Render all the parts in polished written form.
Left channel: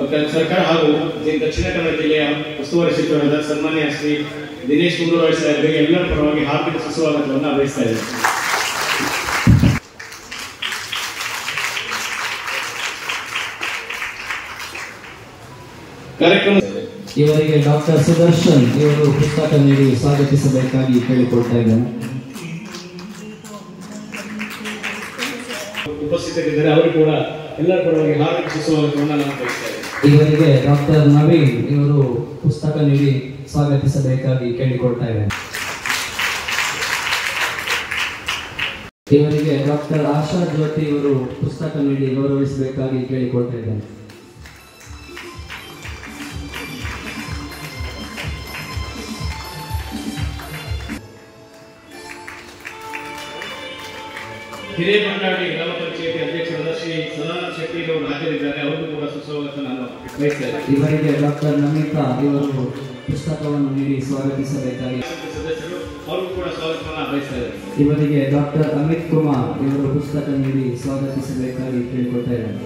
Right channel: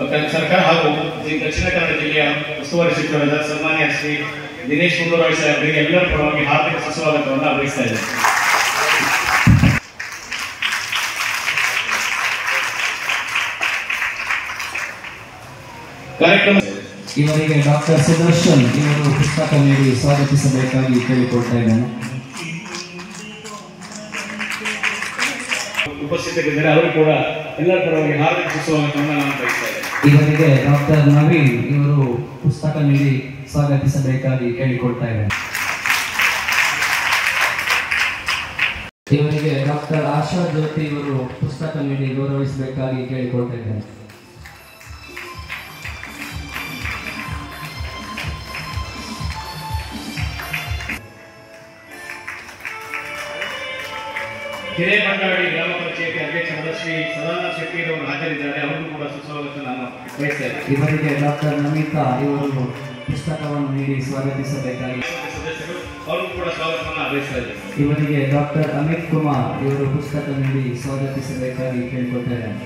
ಸರ್ಕಾರ ಹಾಗೂ ದಕ್ಷಿಣ ಕನ್ನಡ ಜಿಲ್ಲೆಯ ಉಸ್ತುವಾರಿ ಸಚಿವರಾದ ಸನ್ಮಾನ್ಯ ಶ್ರೀ ದಿನೇಶ್ ಗುಂಡೂರಾವ್ ಸಾಹೇಬರಿಗೆ ಎಲ್ಲರ ಪರವಾಗಿ ಹಾರ್ದಿಕ ಸುಸ್ವಾಗತವನ್ನು ಬಯಸ್ತಾ ಇದ್ದೇನೆ. ಇವರಿಗೆ ಡಾಕ್ಟರ್ ಸುದರ್ಶನ್ ಇವರು ಪುಸ್ತಕ ನೀಡಿ ಸ್ವಾಗತಿಸಬೇಕಾಗಿ ಕೇಳಿಕೊಳ್ತಾ ಇದ್ದೇನೆ. ಉಪಸ್ಥಿತರಿದ್ದರೆ ಅವರು ಕೂಡ ಎಲ್ಲರ ಪರವಾಗಿ ಹಾರ್ದಿಕ ಸುಸ್ವಾಗತವನ್ನು ನಾನು ಬಯಸ್ತಾ ಇದ್ದೇನೆ. ಇವರಿಗೆ ಡಾಕ್ಟರ್ ನವೀನ್ ಇವರು ಪುಸ್ತಕ ನೀಡಿ ಸ್ವಾಗತಿಸಬೇಕಾಗಿ ಕೇಳಿಕೊಳ್ತಾ ಇದ್ದೇನೆ. ಇವರಿಗೆ ಡಾಕ್ಟರ್ ಆಶಾ ಜ್ಯೋತಿ ಇವರು ಪುಸ್ತಕ ನೀಡಿ ಗೌರವಿಸಬೇಕಾಗಿ ಕೇಳಿಕೊಳ್ತಾ ಇದ್ದೇನೆ. ಹಿರೇಬಂಡಾಡಿ ಗ್ರಾಮ ಪಂಚಾಯತಿ ಅಧ್ಯಕ್ಷರಾದ ಶ್ರೀ ಸದಾನಂದ ಶೆಟ್ಟಿ ಅವರು ಹಾಜರಿದ್ದಾರೆ. ಅವರಿಗೂ ಕೂಡ ಸುಸ್ವಾಗತ ನಾನು ಬಯಸ್ತಾ ಇದ್ದೇನೆ. ಇವರಿಗೆ ಡಾಕ್ಟರ್ ನಮಿತಾ ಇವರು ಪುಸ್ತಕವನ್ನು ನೀಡಿ ಸ್ವಾಗತಿಸಬೇಕಾಗಿ ಸದಸ್ಯರು ಅವರಿಗೂ ಕೂಡ ಸ್ವಾಗತವನ್ನು ಬಯಸ್ತಾ ಇದ್ದಾರೆ. ಇವರಿಗೆ ಡಾಕ್ಟರ್ ಅಮಿತ್ ಕುಮಾರ್ ಇವರು ಪುಸ್ತಕ ನೀಡಿ ಸ್ವಾಗತಿಸಬೇಕಾಗಿ ಕೇಳಿಕೊಳ್ತಾ ಇದ್ದಾರೆ.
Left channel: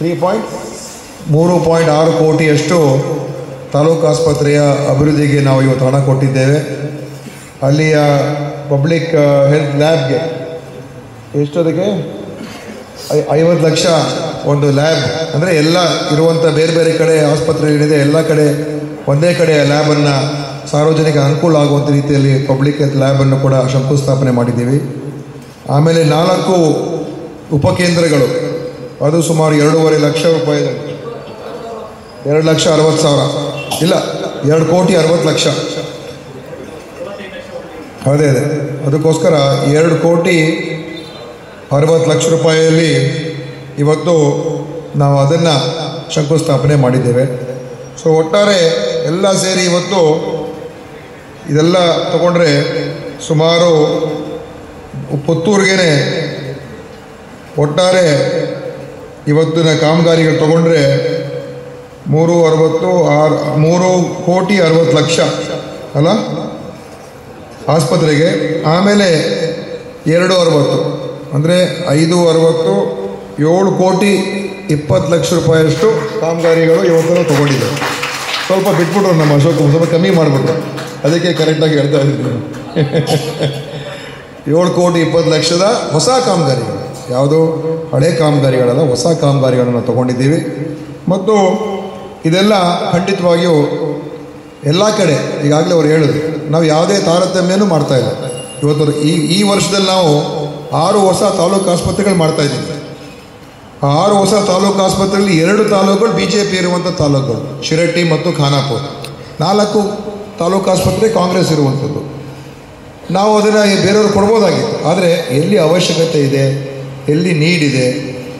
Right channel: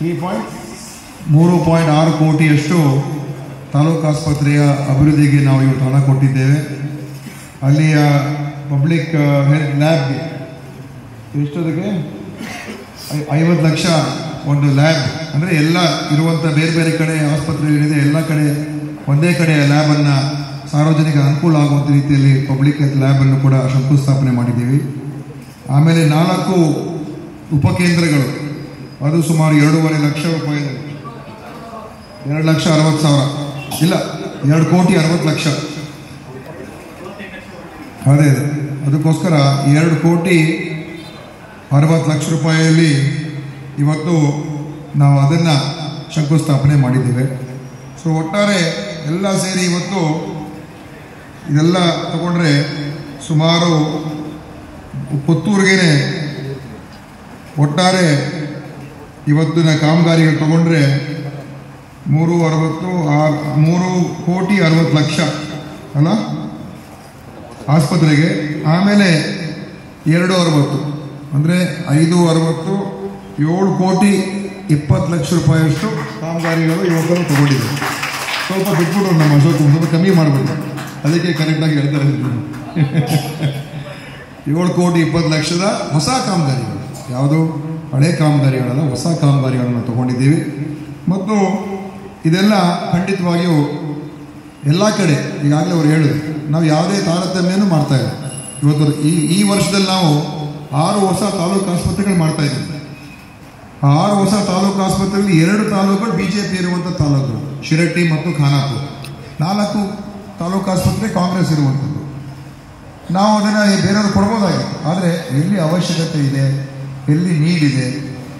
$3.6 ಕೋಟಿಯಷ್ಟು ತಾಲೂಕು ಆಸ್ಪತ್ರೆಯ ಅಭಿವೃದ್ಧಿಗೆ ನಾವು ಇವತ್ತು ಹಣ ಕೊಟ್ಟಿದ್ದೇವೆ. ಅಲ್ಲಿಯ ಪಬ್ಲಿಕ್ ಹೆಲ್ತ್ ಲ್ಯಾಬ್ಗೆ ಎಷ್ಟೊದಕ್ಕೆ 50 ಲಕ್ಷ ಒಂದು ಲ್ಯಾಬ್, ಅಂದರೆ ಎಲ್ಲ ಇರುವಂಥ ಬೇರೆ ಬೇರೆ ಕಡೆ ಆಸ್ಪತ್ರೆಗಳಿದೆ, ಎಲ್ಲ ಕಡೆ ಒಂದೇ ಕಡೆ ಲ್ಯಾಬನ್ನು ಸಾರ್ವಜನಿಕ ಅನುಕೂಲ ಆಗುವಂಥ ರೀತಿಯಲ್ಲಿ ಪಬ್ಲಿಕ್ ಹೆಲ್ತ್ ಲ್ಯಾಬನ್ನು ಕೂಡ ಶಂಕುಸ್ಥಾಪನೆ ಮಾಡಿದ್ದೀವಿ. ಆಮೇಲೆ 4 ಉಪಕೇಂದ್ರಗಳು, ಅದು ಸುಮಾರು 2.5 ಲಕ್ಷ ರೂಪಾಯಿದಲ್ಲಿ 2,60,000 ಇಲ್ಲ 2,60,00,000 ಅದೇ ಅದಕ್ಕೋಸ್ಕರ 2,60,00,000 ರೂಪಾಯಿಯಲ್ಲಿ ಇವತ್ತು ನಾವು ಅದನ್ನು ಶಂಕುಸ್ಥಾಪನೆ ಮಾಡಿದ್ದೇವೆ. ಸೊ ಒಟ್ಟಾರೆ ಎಲ್ಲ ಸೇರಿ ಇವತ್ತು ಇದೆಲ್ಲ ತಗೊಂಡ್ರೆ ಸುಮಾರು ಪುತ್ತೂರಿಗೇನೆ ಒಟ್ಟಾರೆ ಇವತ್ತಿನ ಕಾಮಗಾರಿಗಳು ತಗೊಂಡ್ರೆ 3,60,60,00,000 ಅಲ್ಲ ಆಸ್ಪತ್ರೆಗೆ. ಆಮೇಲೆ 2,60 ಅಂದರೆ 5,60 7,20,00,000 ಕಾಮಗಾರಿಗಳು ಇವತ್ತು ತಗೊಂಡಿದೆ. ಸ್ವಲ್ಪ ಬಿಟ್ಬಿಟ್ಟು ನಮ್ಮ ಅಶೋಕ್ ಸ್ವಲ್ಪ ಕಮ್ಮಿ ಮಾಡ್ಬೋದು, ಅದಕ್ಕೆ ಕರೆಕ್ಟಾಗಿ ಹೇಳ್ತಾ ಇದ್ದೀನಿ. 7,20,00,000 ಹೊಸ ಕಾಮಗಾರಿಗಳು, ಯಾವುದು ಹಳೆ ಕಾಮಗಾರಿಗಳಲ್ಲ, ಹೊಸ ಕಾಮಗಾರಿಗಳನ್ನು ತಗೊಂಡಿದ್ದೀವಿ. ಮತ್ತು ಇದೆಲ್ಲ ಖಂಡಿತವಾಗಿಯೂ ಎಲ್ಲ ಕಡೆ ಈಗಾಗಲೇ ಅವರು ಹೇಳಿದ್ರು, ನಾವು ಯಾವುದೇ ತಾರತಮ್ಯನೂ ಮಾಡ್ತಾಯಿಲ್ಲ. ಇವತ್ತು ಈ ವರ್ಷದಲ್ಲಿ ನಾವು 6 ಹೊಸ ತಾಲೂಕು ಆಸ್ಪತ್ರೆಗಳು ಮಾಡ್ತಾಯಿದ್ದೀವಿ. ಆ 6 ಹೊಸ ತಾಲೂಕು ಆಸ್ಪತ್ರೆಯಲ್ಲಿ 2 ತಾಲೂಕುಗಳು BJP ಇರುವಂಥ ತಾಲೂಕುಗಳು, ಶಿರಟ್ಟಿ ಮತ್ತು ಖಾನಾಪುರ. 4 ತಾಲೂಕು ಆಸ್ಪತ್ರೆ ಕಾಂಗ್ರೆಸ್ ಇರುವಂಥದ್ದು. ನಾವು ಅದನ್ನು ಬೇರೆಯವರು ಕೊಡ್ಬೋದಾಗಿತ್ತು, ಆದರೆ ಎಲ್ಲಿ ಅವಶ್ಯಕತೆ ಇದೆ, ಎಲ್ಲಿ ನೀಡ್ ಇದೆ,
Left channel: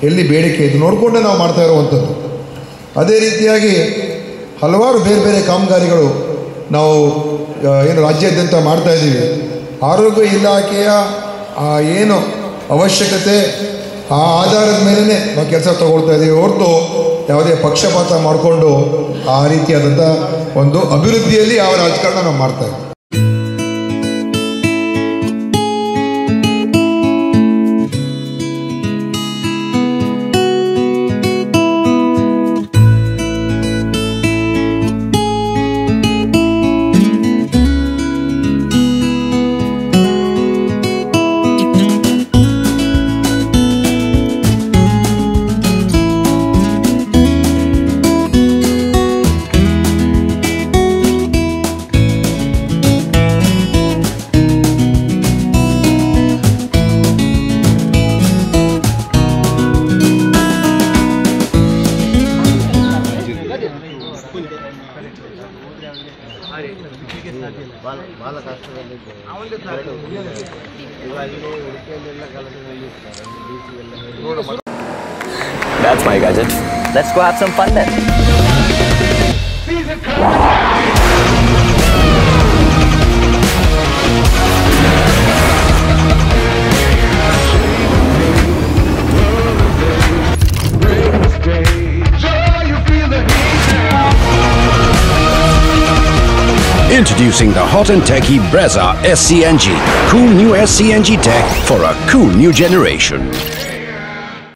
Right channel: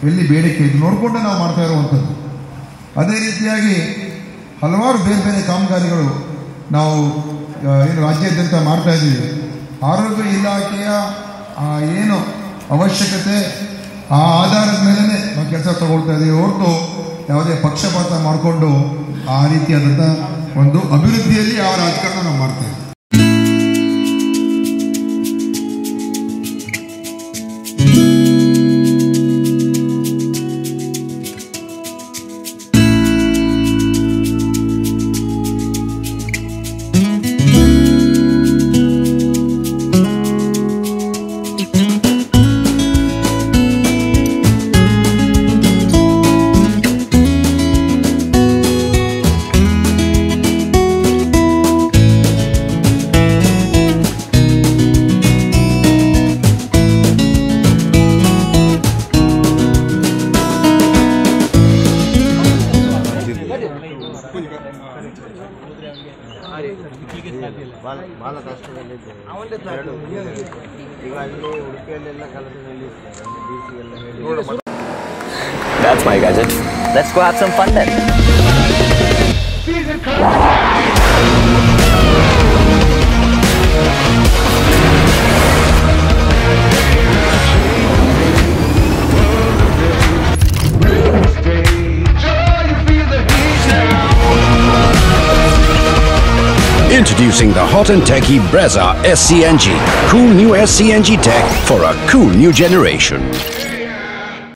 ಎಲ್ಲಿ ಬೇಡಿಕೆ ಇದೆ ನೋಡಿಕೊಂಡು ನಾವು ಮಾಡ್ತಾ ಇರುವಂಥದ್ದು. ಅದೇ ರೀತಿಯಾಗಿ ಹಲವಾರು ಬೇರೆ ಬೇರೆ ಕಾಮಗಾರಿಗಳು ನಾವು ಏನು ರಾಜ್ಯಾದ್ಯಂತ ಮಾಡ್ತಾ ಇದ್ದೀವಿ. ಆರೋಗ್ಯ ಇಲಾಖೆಯ ಏನು ಅವಶ್ಯಕತೆ ಆ ಆಧಾರದ ಮೇಲೇ ನಾವು ಕೆಲಸ ತಗೊಳ್ತಾ ಇದ್ದೀವಿ ಹೊರತು ಯಾವುದೇ ಪಕ್ಷಪಾತ ಮಾಡಿಕೊಂಡು ಆ ರೀತಿಯಾದಂಥ ಒಂದು ಅಭಿವೃದ್ಧಿಯಲ್ಲಿ ಆ ರಾಜಕಾರಣ ನಾವು ಮಾಡ್ತಾ ಇದ್ದೀವಿ. ಭಾಳ ಕಷ್ಟದಲ್ಲಿದ್ದೆ. ಇವಾಗ ಇಲ್ಲಿ ಉಡುಪಿಯಲ್ಲೆಲ್ಲ ಕೆಲಸದಲ್ಲಿ ಇರ್ತಾರೆ. That's my gadget. Let's go have some fun then. Introducing the hot and techy Brezza SCNG. Cool new SCNG tech for a cool new generation.